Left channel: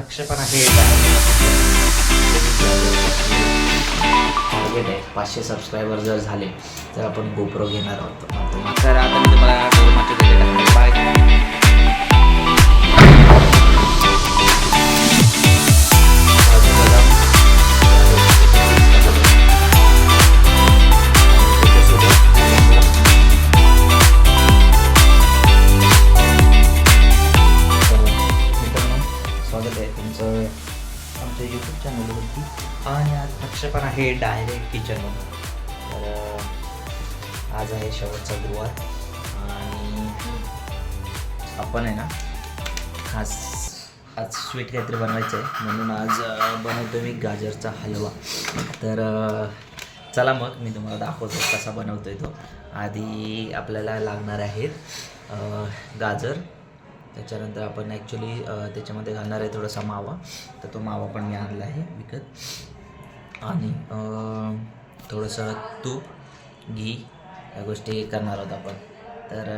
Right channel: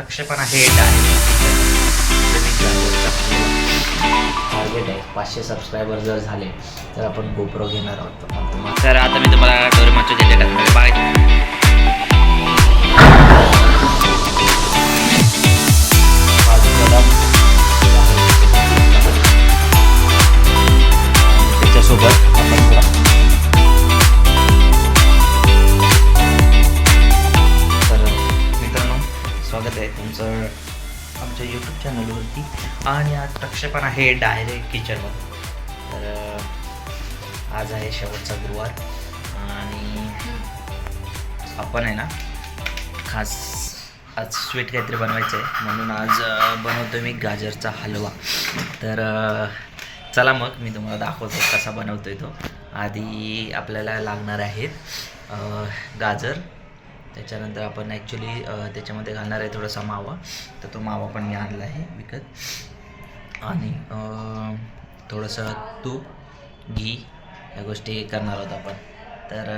प्रक्षेपण आहे टार्गेट आहे 500 सबस्क्रायबर जर झाले तर आपण गोप्रो घेणार आहोत. तर आता मी तुम्हाला डोरेमॉनचे डेटे टाकणार. बाय. स्वागत आहे तुमचं आमच्या यूट्यूब चॅनलवरती. आणि आज प्रक्षेपण आहे डायरेक्ट किचनमधून. तर आज आहे शेवटचा गुरुवार आणि आपण आहे ना खास आज स्वीट काहीतरी बनवायचं आहे म्हणून आज बनवतो मी गाजरचा हलवा. तर चला मग मी तुम्हाला दाखवतो कसा बनवतो आहे तो. आधी आपल्याला लागणार आहेत गाजर. त्याच्यानंतर आपण ॲक्च्युली त्याच्यामध्ये घालणार आहे थोडासा मावा. तर तो मावा पण मी आणला आहे विकत. आणि थोडंसं तूप घी या गोष्टी करणार आहोत आपण. तर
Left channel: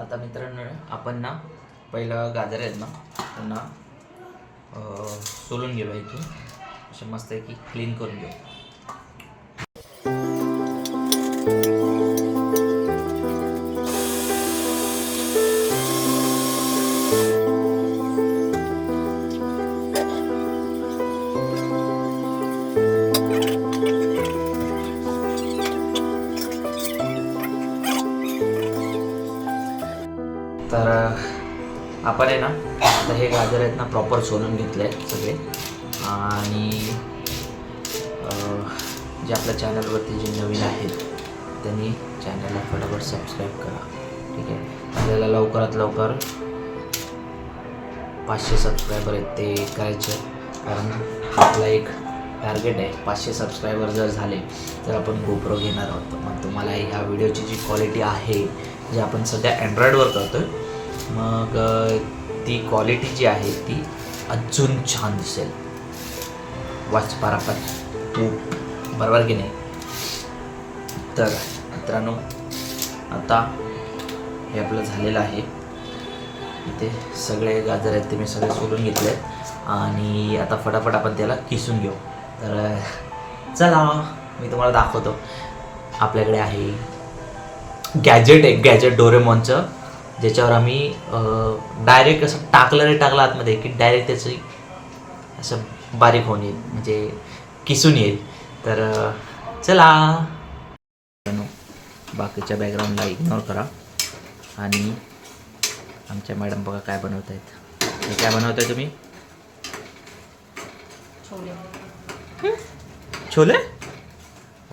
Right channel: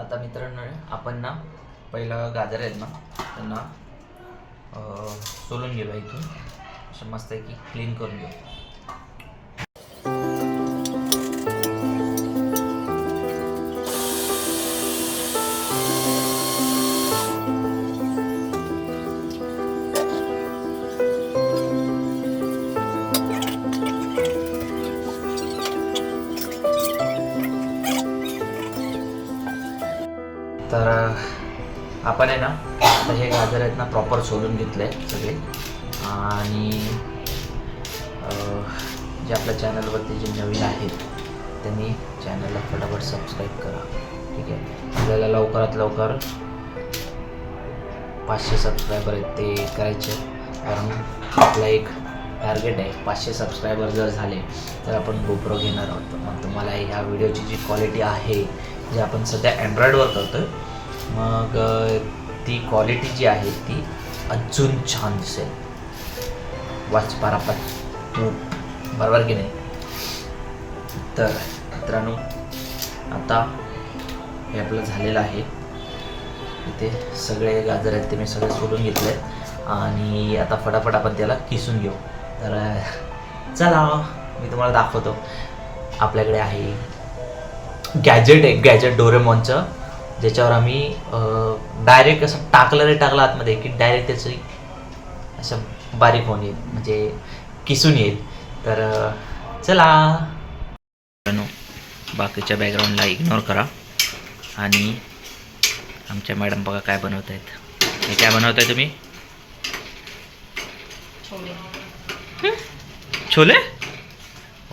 आता मित्रांनो आपण ना पहिलं गाजर आहेत ना त्यांना सोलून गेलो इथून असं मस्त आहे की क्लीन करून घेऊ. तर आपण आहे ना आता हे गाजर आहेत ना प्रॉपर सोलून घेतलं आहे सगळे. आणि जे आपल्या चॅनलवरती जे नवीन आहेत त्यांनी चॅनलला फटाफट सबस्क्राईब करा. ठीक आहे. आपल्याला लवकरात लवकर 500 सबस्क्रायबर आहेत ते करायचे. कारण आपला एक टार्गेट आहे 500 सबस्क्रायबर जर झाले तर आपण गोप्रो घेणार आहोत. मग तुम्हाला ह्या व्हिडिओची जी क्वालिटी आहे जे आपण सध्या अँड्रॉईडवर करतो आहे मग ती क्वालिटी जी आहे ती अजून छान दिसेल. वाच पारापार बरोबर की नाही. तर मित्रांनो आता हे आपलं झालेलं आहे. इथे सगळे गाजर आहेत ते मी सगळे सोलून घेतले आणि आता फटाफट आपण त्याला किसून घेऊ. तर चला मी तुम्हाला दाखवतो. आपल्याकडे आहे गॅजेट, एक गॅजेट डोरेमॉनचं ज्याच्यावर आम्ही डायरेक्ट असं टाकलं आतमध्ये की डायरेक्ट त्याचं असं बारीक होऊन येईल म्हणजे किसून येईल. तर चला. बाकीच्या बॅकग्राऊंडला इग्नोर करा. आणि आमच्या मॅडम बघा काय बनवत आहेत. हे काय बनवत आहे तुम्ही? छोले.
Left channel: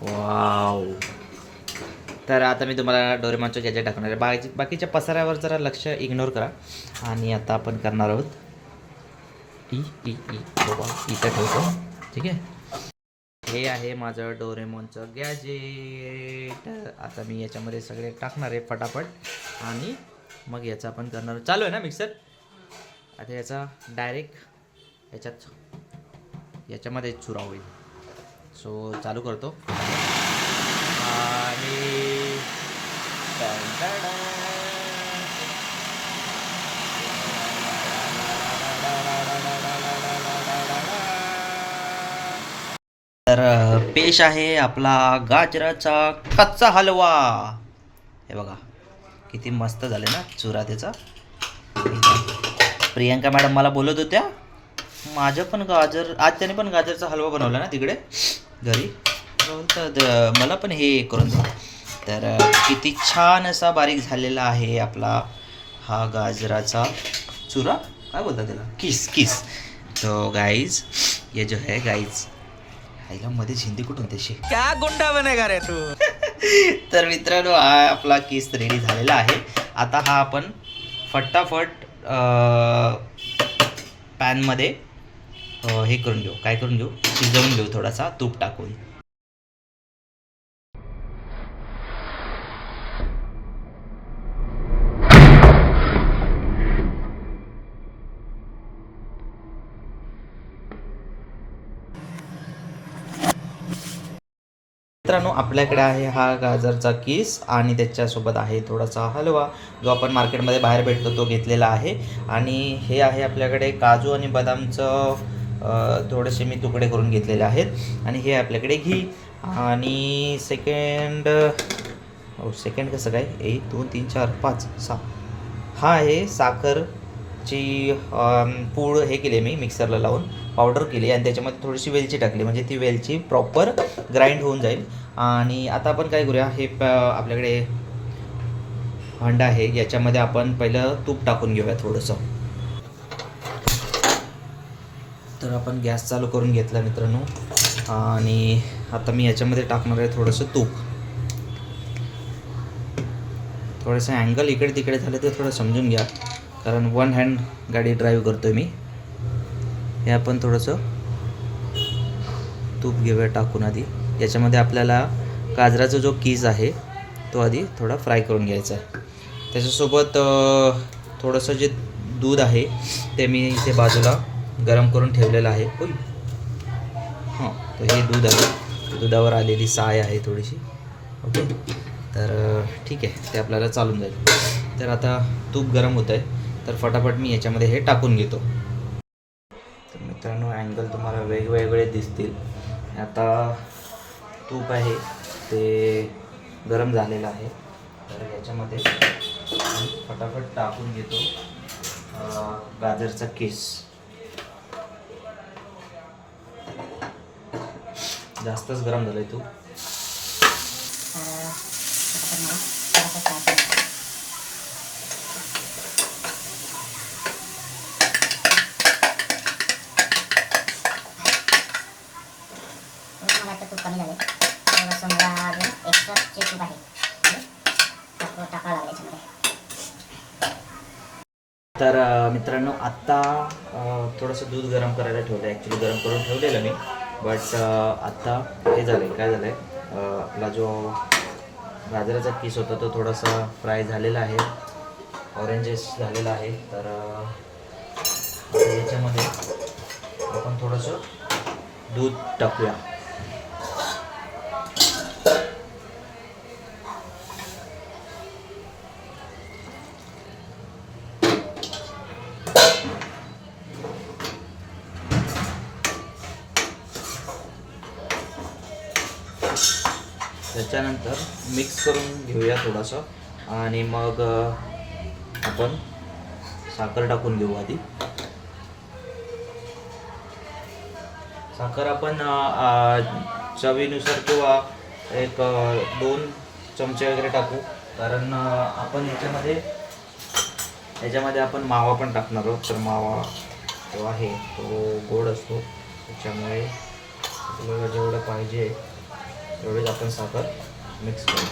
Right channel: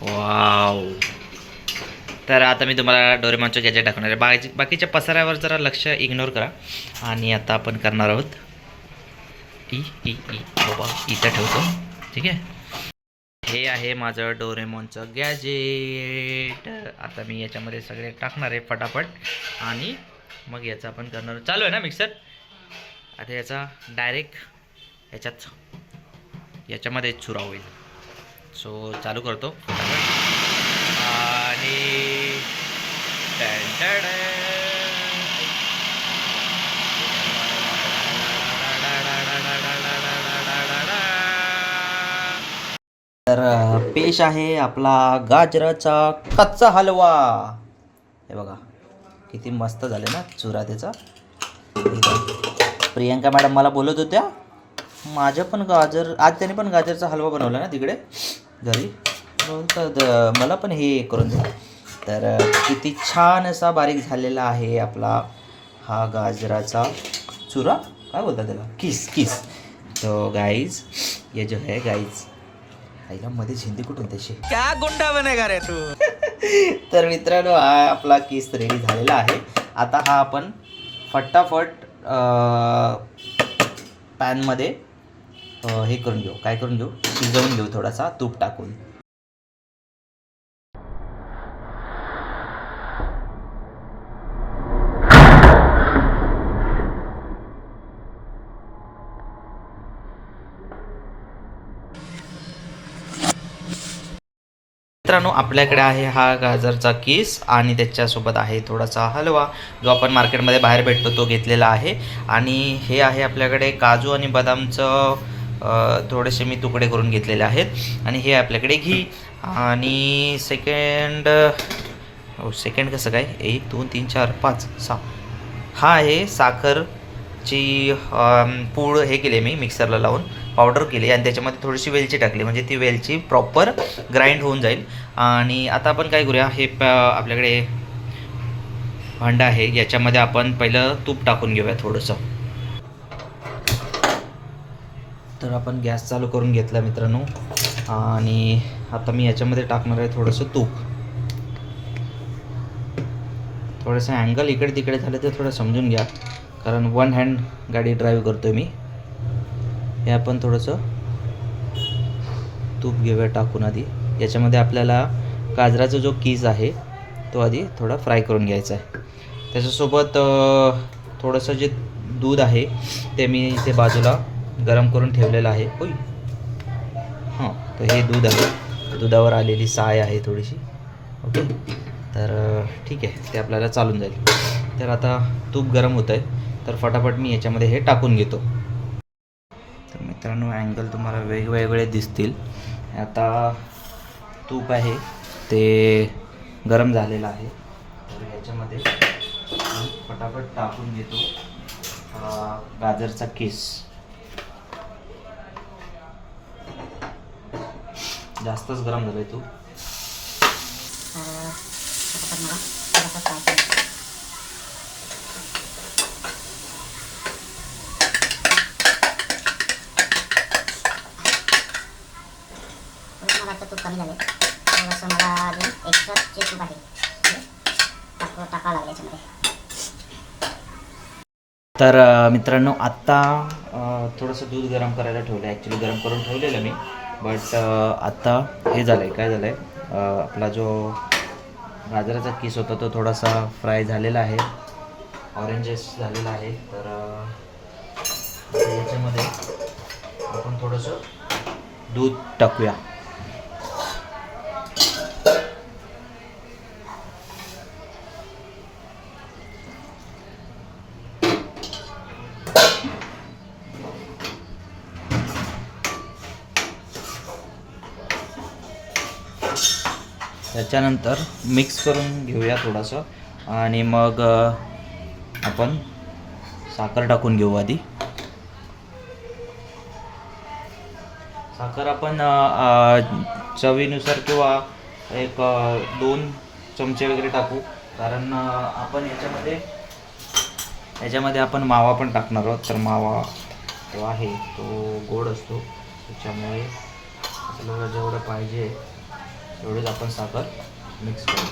वाव. तर आता मी तुम्हाला डोरेमॉनचं गॅजेट दाखवणार आहे. बाकीच्या पसाऱ्यावर जरा लक्ष इग्नोर करा. आणि आता आपण करणार आहोत बाबा इथं ठेवतो. ठीक आहे. हे आहे माझं डोरेमॉनचं गॅजेट. आता मी याच्यामध्ये सगळे टाकणार आहे फटाफट आणि मग याचा आपण करणार. चालू आहे ना मिक्सर. आता याचा डायरेक्ट याच्यामध्ये चुरा होईल. सो चालू करतो फटाफट. आणि तर पेश आहे आपला गाजराचा कच्चा हलवा. हे बघा किती मस्त झाले ना चुरा त्याचा. प्रियंका मॅडम मला बोलत होत्या माझं पण गाजर आज त्याने पण गाजरचा हलवा बनवला ना तिकडे घरी. तर मला पण हे करून दे. तर किती छान असा बारीक झालेला आहे आपला हा गाजराचा चुरा. काय बोलतात त्याला? किस. तो गाईज ये जो है गाईज आईला मध्ये हिंदी कुठून तशी क्या गुंडा बनेगा रे तू. तर मित्रांनो हा आपला किस रेडी झालेला आहे. आता हा आपण फटाफट पॅनमध्ये हे करून घेऊ. काय करून घेऊ? शिजवून घेऊ थोडासा तूप टाकून. मित्रांनो आपल्याकडे आहे हा गाजरचा किस आणि त्याच्यासोबत आहे थोडासा हलवा जो आपण मार्केटमध्ये बाहेर भेटतो तो घेतलेला आहे. आणि हे आहे आपल्याकडे काजू आणि बदामचं थोडेसे मी तुकडे करून घेतलेले आहेत. आणि हे आपल्याकडे घी आणि सेकंड कसं काय 1 2 3 4 5 6 हा आहे साखरची पूड हे केली मी मिक्सरला लावून पावडर केली आणि त्याच्यामध्ये थोडीशी वेलची टाकली म्हणजे ती वेलची प्रॉपर ग्राइंड होऊन जाईल. आणि आता आपण काय करूया हे आपल्याकडे भांडं आहे याच्यामध्ये आपण पहिलं तूप टाकून घेऊया थोडंसं. तर आपण गॅस चालू करून घेतला मित्रांनो आणि आता मी याच्यामध्ये टाकणार आहे थोडंसं तूप. थोडंसं अँगल इकडे तिकडे झालं तर थोडं समजून घ्या कारण वन हँड गाडी ड्राईव्ह करतो आहे मी. हे आपण थोडंसं तूप घेऊया टाकून आधी. याच्यामध्ये आपल्याला गाजराचा जो कीस आहे तो आधी थोडा फ्राय करून घ्यायचा आहे. त्याच्यासोबत थोडंसं जे दूध आहे ते मी इथे बाजूला गरम करून ठेवलेलं आहे. हां तर हे दूध आहे दुधावर आलेली साय आहे थोडीशी. ओके तर ठीक आहे ते आपल्याला चालून जाईल. तर आता तूप गरम होतं आहे तर फटाफट मी याच्यामध्ये हे टाकून घेतो. तर मित्रांनो अँगल तुम्हाला वेगवेगळे दिसतील. आता तूप आहे ते गरम झालेलं आहे तर याच्यामध्ये मी फटाफट टाकून घेतो गाजरचा किस. जास्तच गरम झालं आहे तूप. तूप कमी झालं थोडंसं मला अजून एक्स्ट्रा तूप आहे टाकावं लागेल याच्यामध्ये. तर मित्रांनो आत्ता थोडंसं दूध गरम करायला ठेवलं आहे. ॲक्च्युली गरम करून ठेवलेलं मी बट आत्ता हे झालं आहे काय झालं आहे आपला जो गाजराचा किस होता तो थोडासा फ्राय झालेला आहे ऑरेंजेस झालेला आहे. तर याच्यामध्ये आपण थोडंसं दूध टाकूया. त्याच्यानंतर मिक्स करून घेऊया थोडंसं आणि मग आपण साखर टाकून घेऊ आधी. साखर आपण चवीनुसार किंवा 1-2 चमचे वगैरे टाकू कारण आपण याच्यामध्ये आपण मावा पण टाकणार आहोत. तर मावा जो आहे तो गोड असतो त्याच्यामुळे आपल्याला जेवढं पाहिजे तेवढीच आपण साखर मिक्स करू.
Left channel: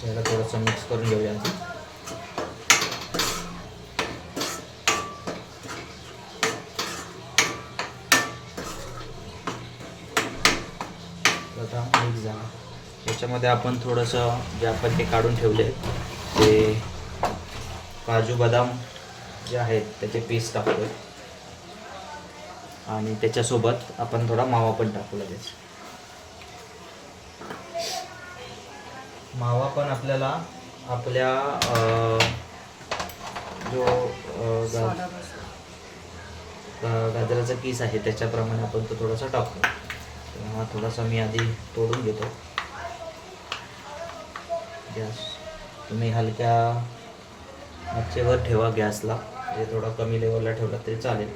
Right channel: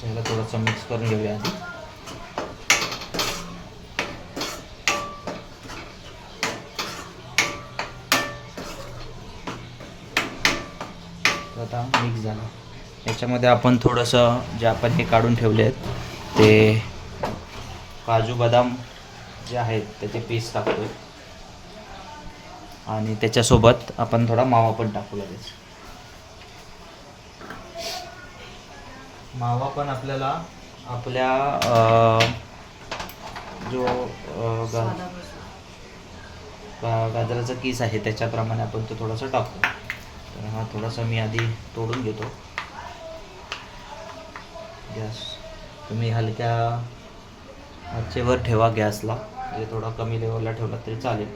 त्याला थोडंसं मिक्स करून घेऊया आधी. आता मिक्स झालं. याच्यामध्ये आपण थोडंसं जे आपण हे काढून ठेवले आहेत ते काजू बदाम जे आहेत त्याचे पीस टाकतोय आणि त्याच्यासोबत आपण थोडा मावा पण टाकू लगेच. मावा पण आपल्याला आपल्या जो गाजराचा किस आहे त्याच्याप्रमाणे आपण तो थोडासा टाकतो. हा थोडासा मी आधी तोडून घेतो. गॅस तुम्ही हलक्या आचेवर ठेवा गॅसला म्हणजे थोडा कमी लेवलला ठेवला तरी चालेल.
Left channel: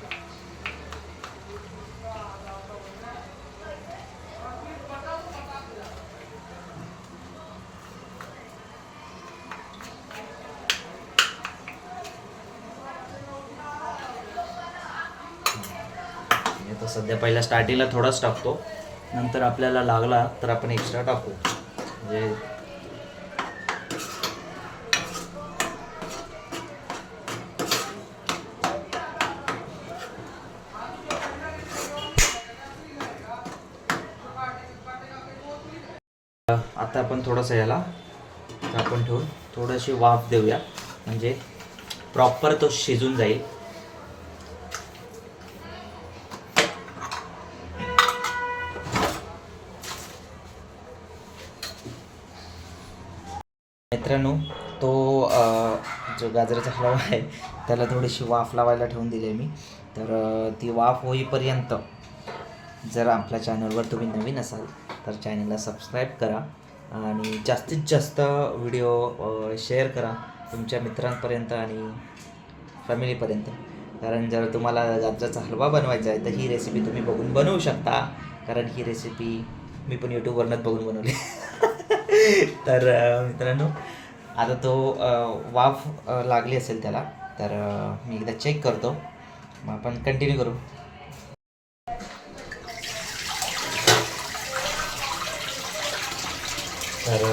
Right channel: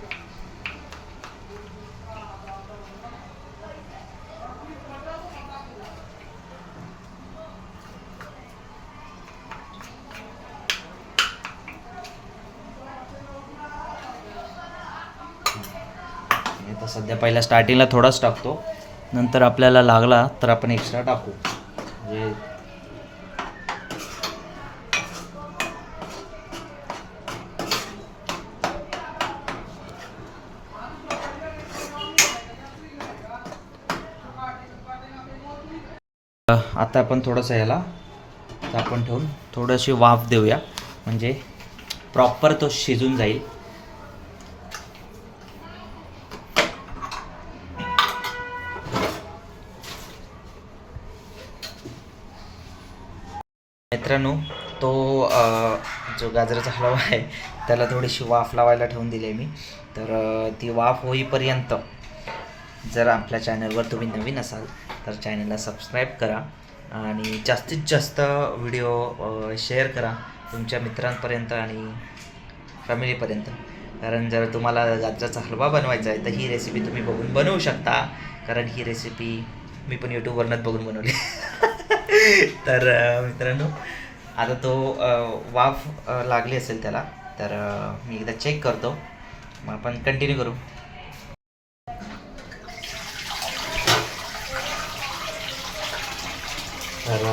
आता सध्या पहिला स्टार्टिंगला थोडाच टाकतो नंतर आपल्याला लागला तर आपण एक्स्ट्रा टाकू म्हणजे आता आपण थोडंसं याला झाकून ठेवून थोडीशी वाफ देऊया म्हणजे प्रॉपर तो शिजून जाईल. मित्रांनो तो जो गाजराचा हलवा आहे त्याला थोडीशी वाफ लावायला ठेवून दिली आहे मी. तर ती वाफ होईपर्यंत जर आपल्या चॅनलवर तुम्ही नवीन असाल तर चॅनलला सबस्क्राईब करा आणि जास्तीत जास्त व्हिडिओ शेअर करा तुमच्या मित्रांपर्यंत आणि फॅमिलीपर्यंत. कारण जर तुम्हाला गाजराचा हलवा बनवायचा आहे तर ही रेसिपी तुम्ही बघून बनवू शकता. कारण ही रेसिपी मी पण यूट्यूबवरनंच बघून बनवली. तर मित्रांनो आता तो वाफ लागली असेल त्याला, तर मी एकदा चेक करतो, मग आपण कंटिन्यू करू. तर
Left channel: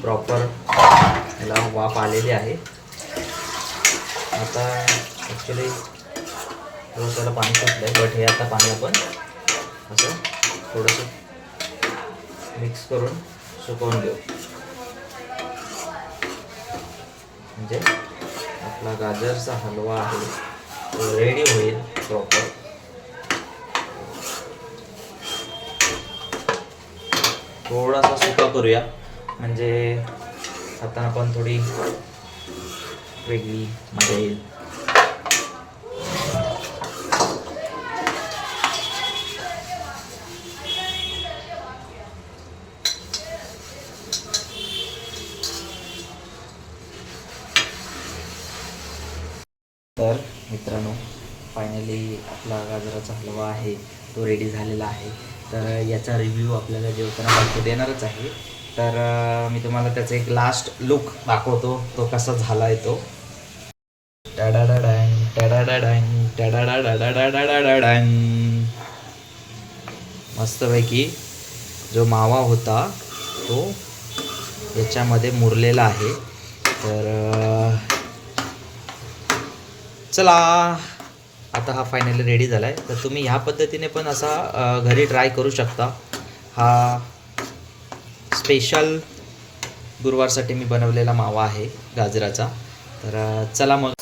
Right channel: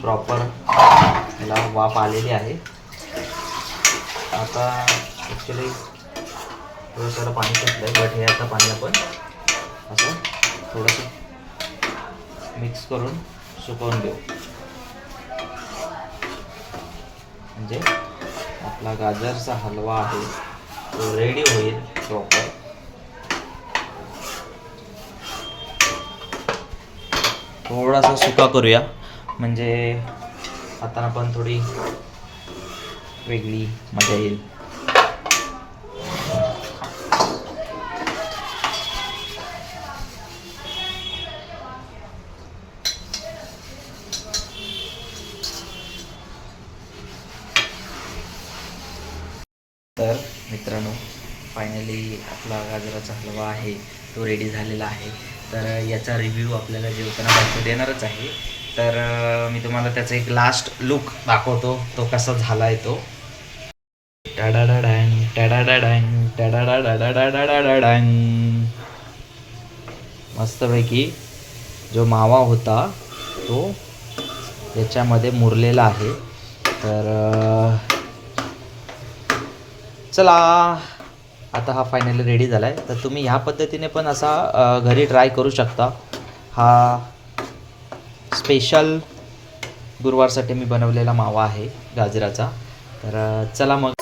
प्रॉपर त्याला वाफ आलेली आहे. आता ॲक्च्युली थोडं त्याला पाणी सुटलं आहे, बट हे आता पाणी आपण असं थोडंसं मिक्स करून सुकवून घेऊ. म्हणजे आपला गाजरचा हलवा आहे तो रेडी होईल प्रॉपर. थोडासा सुका करूया म्हणजे आता आपण थोडी वेगळी मजा येईल. तर मित्रांनो फायनली आपला गाजराचा हलवा आहे तो रेडी झालेला आहे. तर याचा रिव्ह्यू आपल्याला जेवताना बायको देणारच आहे. तर मी तुम्हाला त्याचा एक लास्ट लुक दाखवतो तो कसा झाला आहे तो. टाडाडाडँग टाडाडाडँग टाडाडाडाडाडाडाडँग. मस्तपैकी जो मावा होता तो याच्यामध्ये मुरलेला आहे. तर चला आता हा फायनली रेडी झाला आहे. तर तुम्ही ह्या पद्धतीने पण असा घरी ट्राय करू शकता. हा स्पेशल गुरुवारसाठी मी बनवलेला मावा आहे गाजराचा. तर चला मग